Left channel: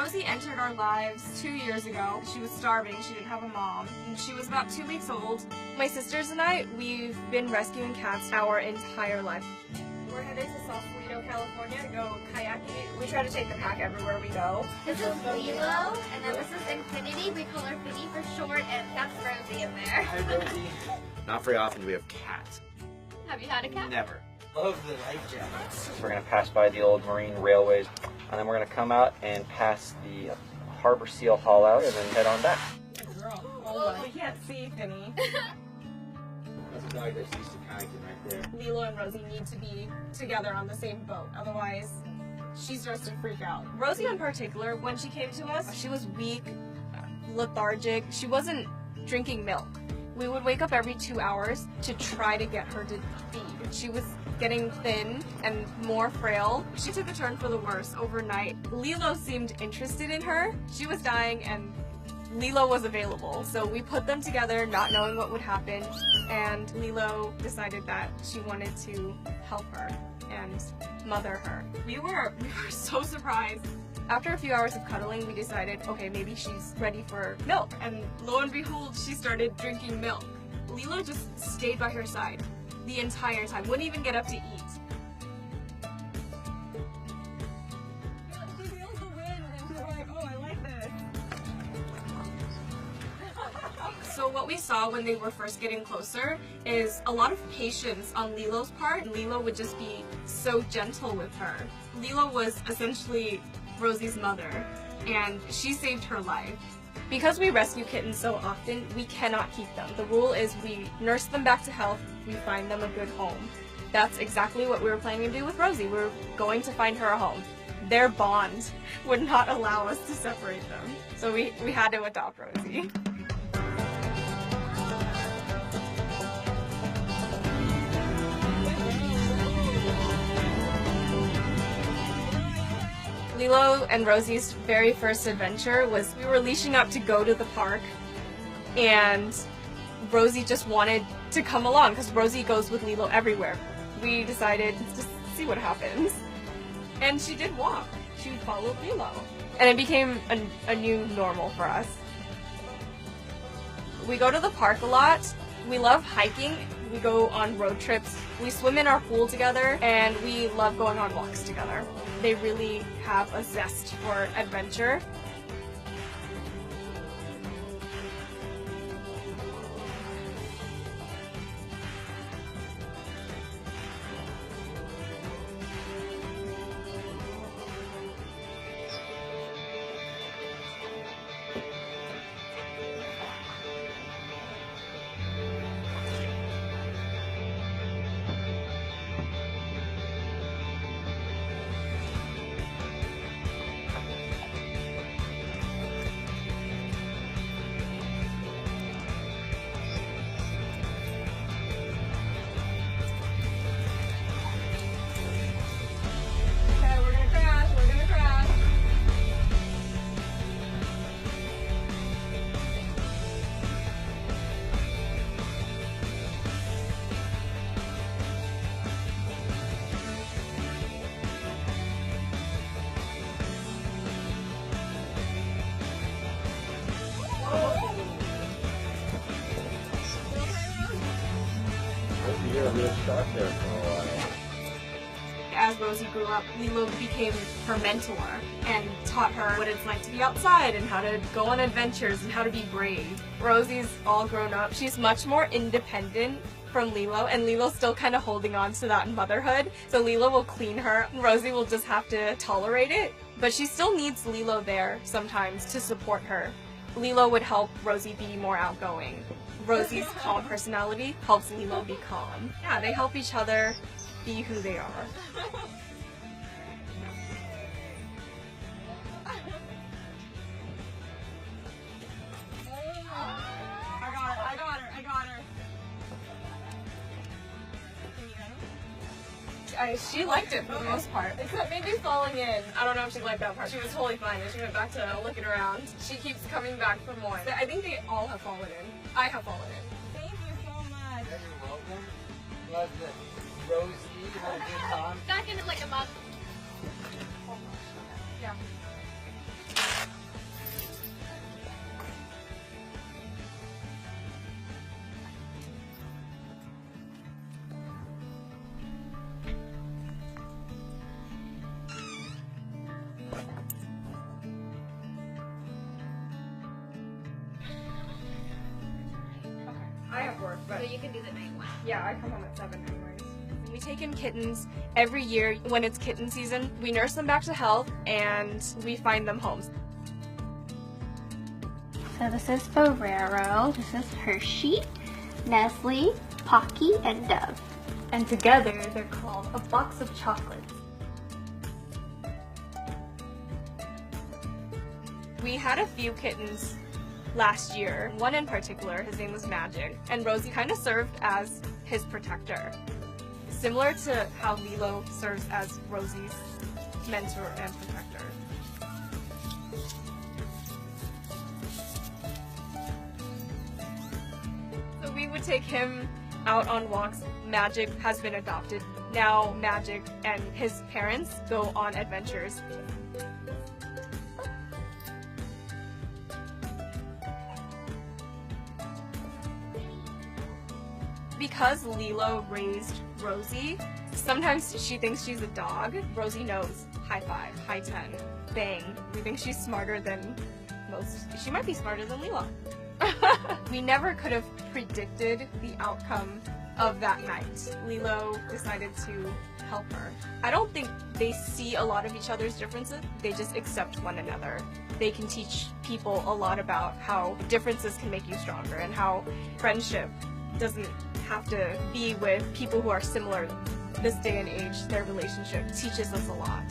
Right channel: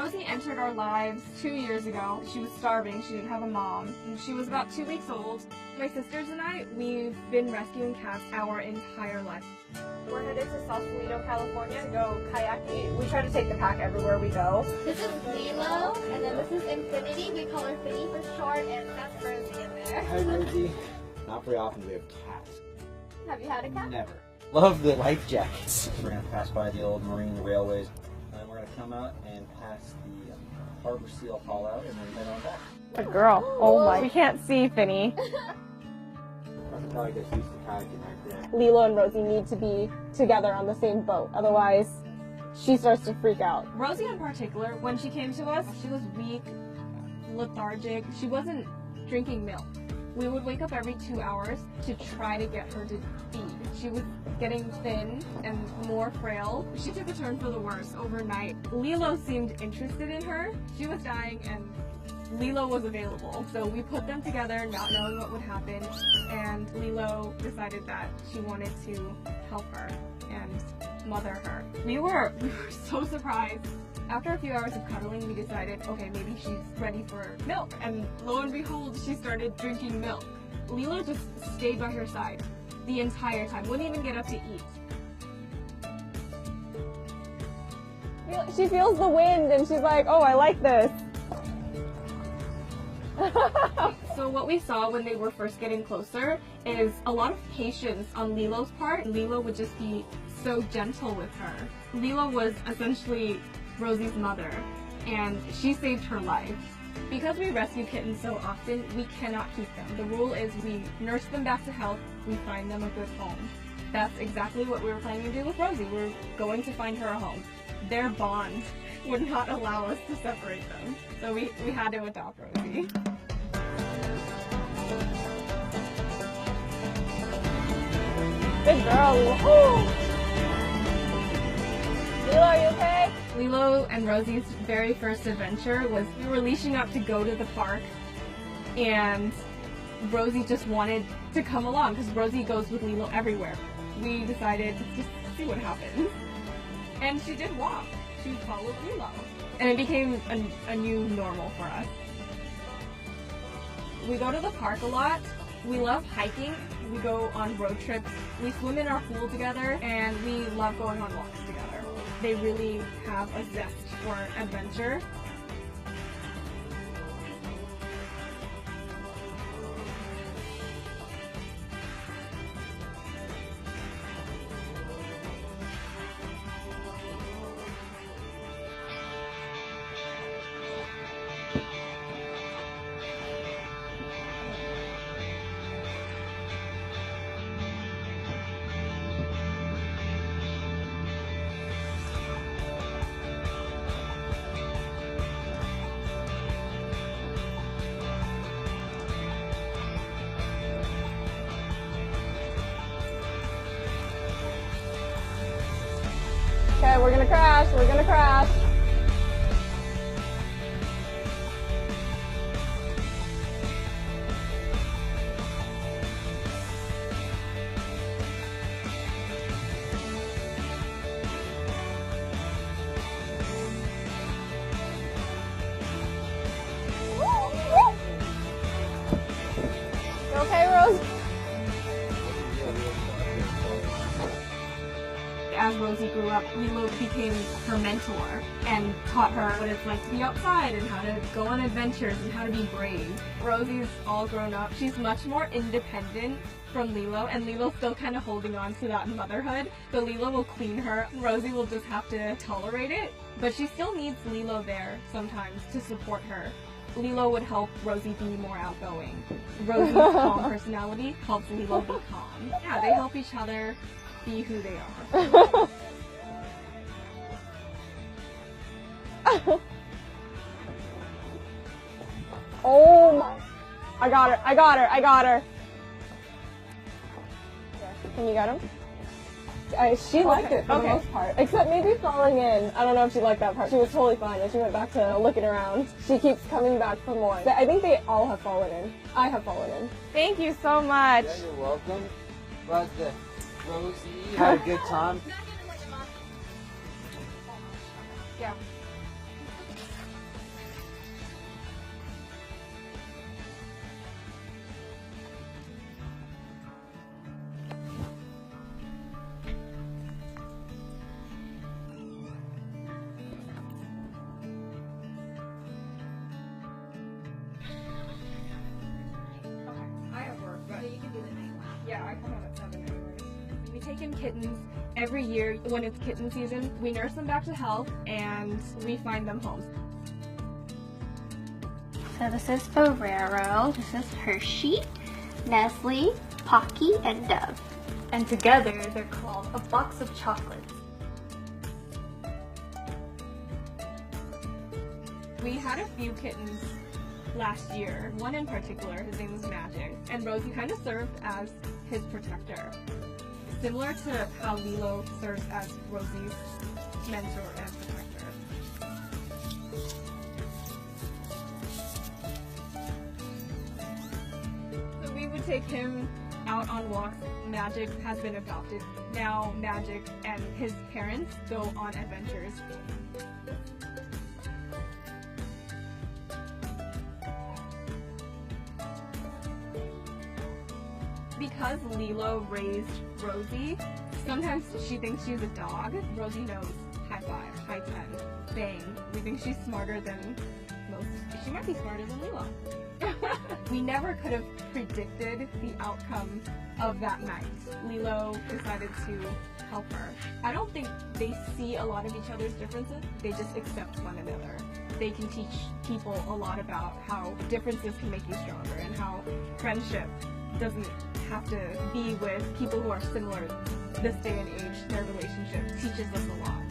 Rosie entered our lives 2 years ago. She was starving, she didn't have a mom, and she was about 2 weeks old. My sisters and I, we've been rescuing cats our entire life. We're headed to Sausalito, California to go kayaking. We try to take the pack everywhere we go. This is Lilo, and then this is Infinity. We call her Finny for short, and that's Rosie in there. Hi, Rosie. Not very often do we have cats. Have you had a cat? Never. Love the life jackets. We're gonna pass by the old marine railways, and then we're gonna come out and pass the Harbor Seal haul out, and then head on back. A girl. Oh my. We can't see Finny. That's a dog that's used to kayaking right there. Lilo and Rosie need to be together on the same boat. Otherwise, she starts to freak out. Rosie in particular, when she came to us, she was weak, lethargic. She wasn't drinking milk. We would wake up every 2 hours to try to get her to feed. She was getting thin and more frail. She took a turn for the worse overnight. Lilo seemed interested in her. She was dying and Lilo was available. So we put them together not knowing what would happen, and Lilo decided that she wanted to help her and mother her. We were so surprised. After a few hours of cuddling, we decided, okay, maybe she's ready for milk. And lo and behold, she started drinking milk. Lilo just stayed by her side the entire time, wouldn't even get up to eat. She feels the wind and she's like, oh, I like this. So what we saw when they were first getting closer is a lot of patience on Lilo's part. Lilo would just be so gentle with her. Lilo was essentially Rosie's mother, and she saved her life. Because we rescue kittens so often, we cannot keep them. The rule is we nurse them back to health, we find them a good home. That's exactly what we were planning to do with Rosie. We were going to find her a home. Their bond would not allow us to separate them. So we had to adopt Rosie. Good girl, Lilo. Lilo, are you okay? Lilo and Rosie's very first adventure was we were leashing up to go to the park, and Rosie just wanted to come along because Rosie goes with Lilo everywhere. We decided to see what happens. And she did walk. She followed Lilo. And it became a new normal for us. We go to the park a lot. We love hiking. We go on road trips. We swim in our pool together, and we love going on walks together. They really have a zest for adventure. Okay, we're gonna crash, we're gonna crash. You okay, Rose? You're real stuck there for a while. As Rosie grew up, Lilo became her mentor and taught her what it's like to be outside and how to go on adventures and how to be brave. Rosie's all grown up. She's much more independent from Lilo, and Lilo's still kind of holding on to that motherhood. So Lilo will clean her. Rosie will just have to tolerate it, but she still needs Lilo there sometimes to support her. Lilo would help Rosie be more outgoing. Rosie's calm personality helps Lilo be calm. Yeah, they help each other be who they are. Oh my, I got her, I got her, I got her. Can you get him? She liked it for the most part, except maybe falling in. I don't know if she liked that part. She was totally fine, and she went back to looking around. She keeps coming back for more. I think they all have fallen in. I have fallen in. Thank you so much. Yeah, you're welcome. Glad that Rosie had a good time. Not gonna like a month. Yeah. do the night one. Yeah, I come home at 7 anyways. We take in kittens every year when it's kitten season. We nurse them back to health and we find them homes. So this is Ferrero, this is Hershey, Nestle, Pocky, and Dove. And together they're called a box of chocolates. We had a few kittens last year. One in particular, his name was Magic, and Rosie kind of served as his protector. Similar to how Lilo serves as Rosie's mentor and protector. So we would take him out on walks. Magic has been adopted. Now Magic and his parents go on adventures. Because Lilo raised Rosie, sometimes she thinks she's a dog. Rosie knows high five, high 10, bang. We think she's smarter than most. She might be smarter than Lilo. We never could have predicted the outcome of that night. Lilo decided to help her. I don't think they see a lot of each other's differences. They just accept one another. They can teach people a lot about how differences can make you stronger and how friendship doesn't have to be with people who are similar this day and age. Their relationship teaches us a lot.